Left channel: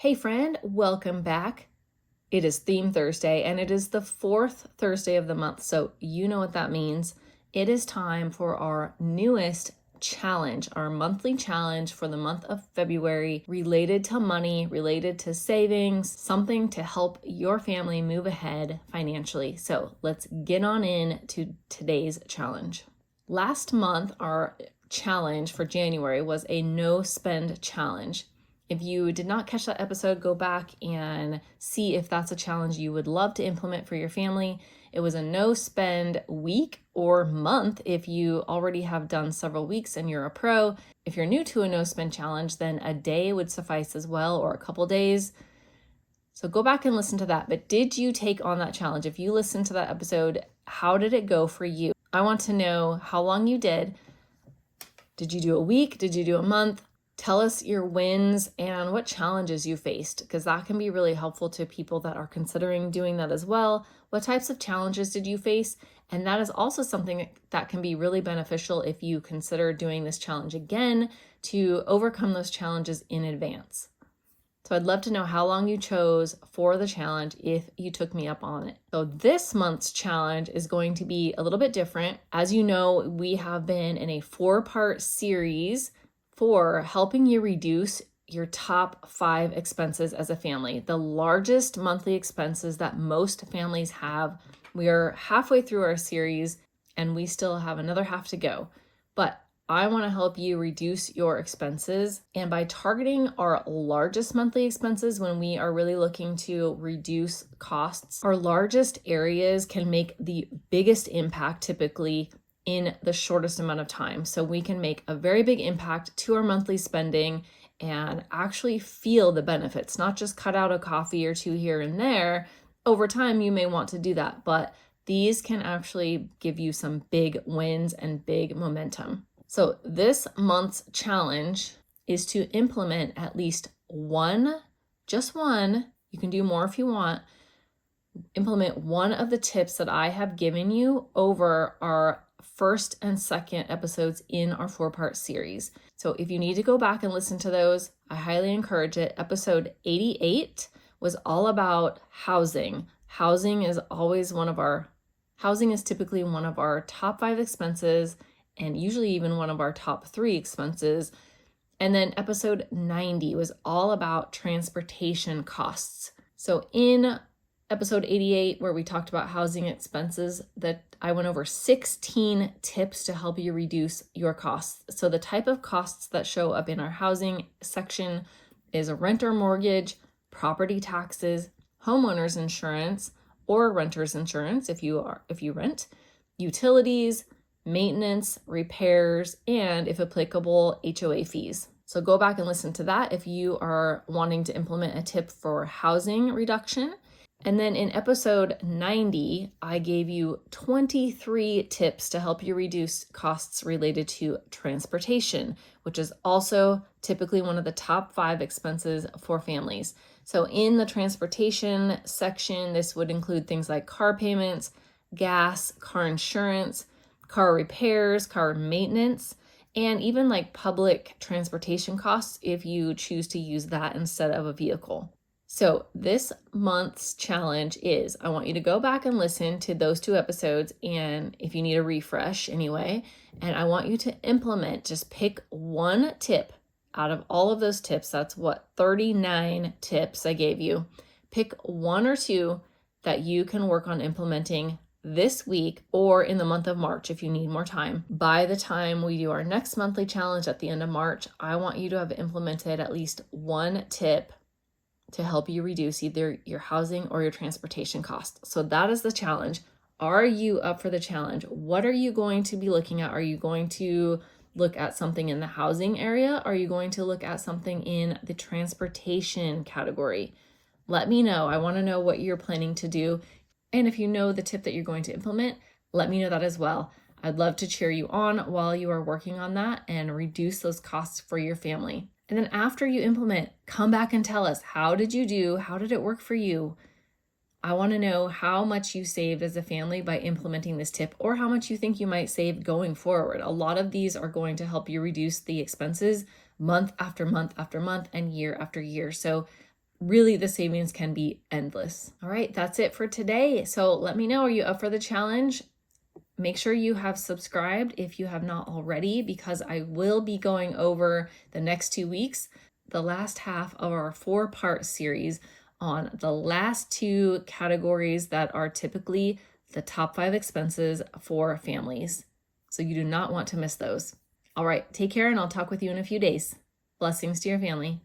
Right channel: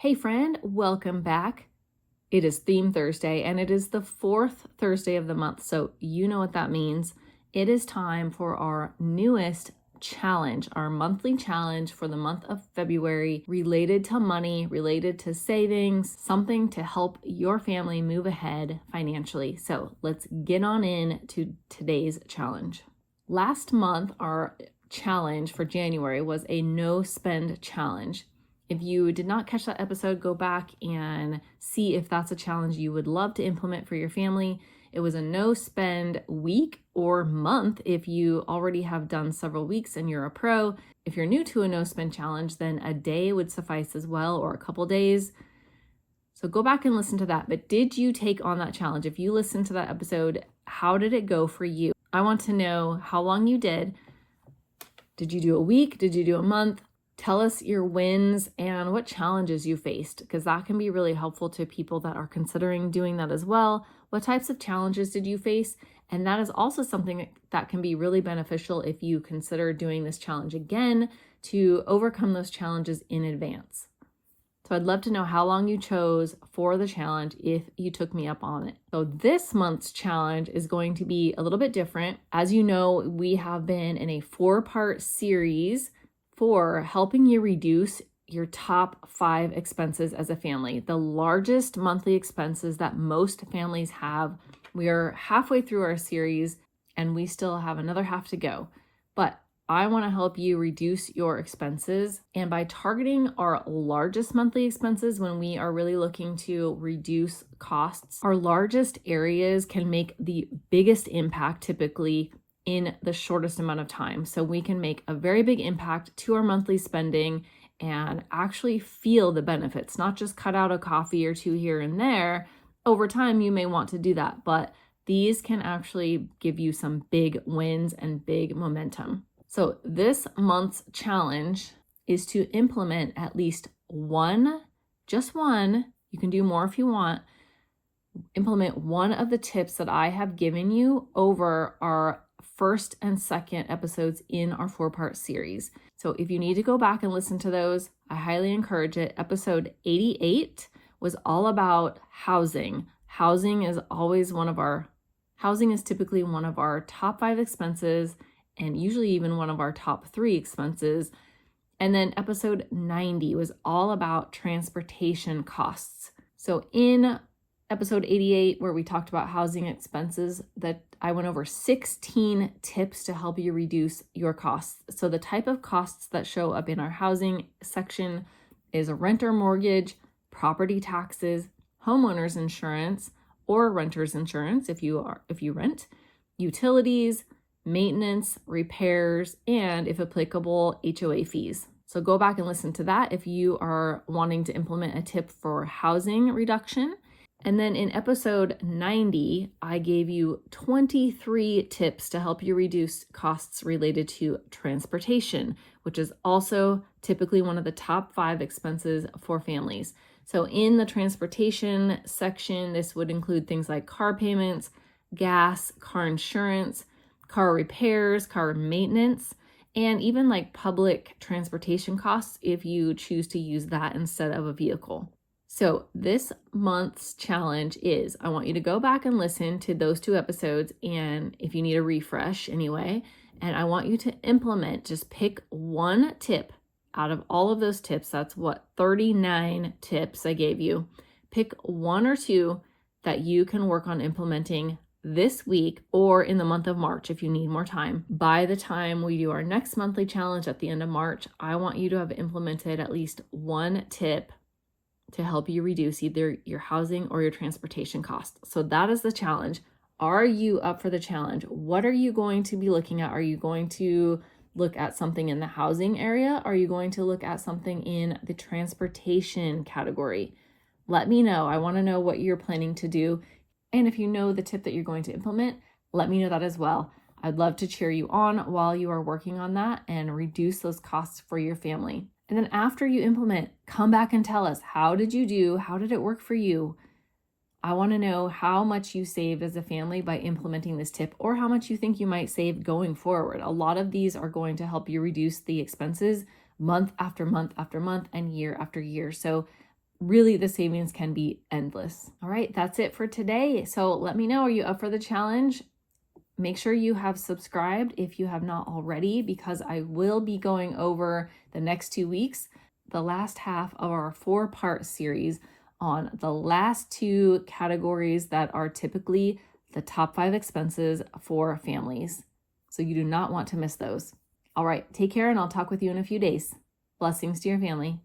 Hey friend, welcome back. It is Theme Thursday and it is the fourth Thursday of the month, so you know what that means. It is time for our newest challenge, our monthly challenge for the month of February, related to money, related to savings, something to help your family move ahead financially. So let's get on in to today's challenge. Last month, our challenge for January was a no spend challenge. If you did not catch that episode, go back and see if that's a challenge you would love to implement for your family. It was a no spend week or month if you already have done several weeks and you're a pro. If you're new to a no spend challenge, then a day would suffice as well, or a couple days. So go back and listen to that. But did you take on that challenge? If you listened to that episode, how did it go for you? I want to know how long you did. Did you do a week? Did you do a month? Tell us your wins and what challenges you faced, because that can be really helpful to people that are considering doing that as well. What types of challenges did you face? And that is also something that can be really beneficial if you consider doing this challenge again, to overcome those challenges in advance. So I'd love to know how long you chose for the challenge if you took me up on it. So this month's challenge is going to be a little bit different. As you know, we have been in a 4-part series for helping you reduce your top 5 expenses as a family, the largest monthly expenses that most families have. We are halfway through our series and we still have another half to go, but I want to help you reduce your expenses. And by targeting our largest monthly expenses, when we are really looking to reduce costs, our largest areas can make the biggest impact typically in the shortest amount of time. So we can make a very big impact to our monthly spending and actually feel the benefits, not just cut out a coffee or two here and there. Over time, you may want to do that, but these can actually give you some big wins and big momentum. So this month's challenge is to implement at least one, just one, you can do more if you want, implement one of the tips that I have given you over our first and second episodes in our 4-part series. So if you need to go back and listen to those, I highly encourage it. Episode 88 was all about housing. Housing is typically one of our top 5 expenses, and usually even one of our top 3 expenses. And then episode 90 was all about transportation costs. So in episode 88, where we talked about housing expenses, that I went over 16 tips to help you reduce your costs. So the type of costs that show up in our housing section is a rent or mortgage, property taxes, homeowners insurance or renter's insurance if you rent, utilities, maintenance, repairs, and if applicable, HOA fees. So go back and listen to that if you are wanting to implement a tip for housing reduction. And then in episode 90, I gave you 23 tips to help you reduce costs related to transportation, which is also typically one of the top 5 expenses for families. So in the transportation section, this would include things like car payments, gas, car insurance, car repairs, car maintenance, and even like public transportation costs if you choose to use that instead of a vehicle. So this month's challenge is, I want you to go back and listen to those 2 episodes, and if you need a refresh anyway, and I want you to implement, just pick one tip out of all of those tips. That's 39 tips I gave you. Pick 1 or 2 that you can work on implementing this week or in the month of March if you need more time. By the time we do our next monthly challenge at the end of March, I want you to have implemented at least 1 tip to help you reduce either your housing or your transportation costs. So that is the challenge. Are you up for the challenge? What are you going to be looking at? Are you going to look at something in the housing area? Are you going to look at something in the transportation category? Let me know. I want to know what you're planning to do. And if you know the tip that you're going to implement, let me know that as well. I'd love to cheer you on while you are working on that and reduce those costs for your family. And then after you implement, come back and tell us, how did you do? How did it work for you? I want to know how much you saved as a family by implementing this tip, or how much you think you might save going forward. A lot of these are going to help you reduce the expenses month after month after month and year after year. So really the savings can be endless. All right, that's it for today. So let me know, are you up for the challenge? Make sure you have subscribed if you have not already, because I will be going over the next 2 weeks, the last half of our 4-part series on the last 2 categories that are typically the top 5 expenses for families. So you do not want to miss those. All right, take care, and I'll talk with you in a few days. Blessings to your family.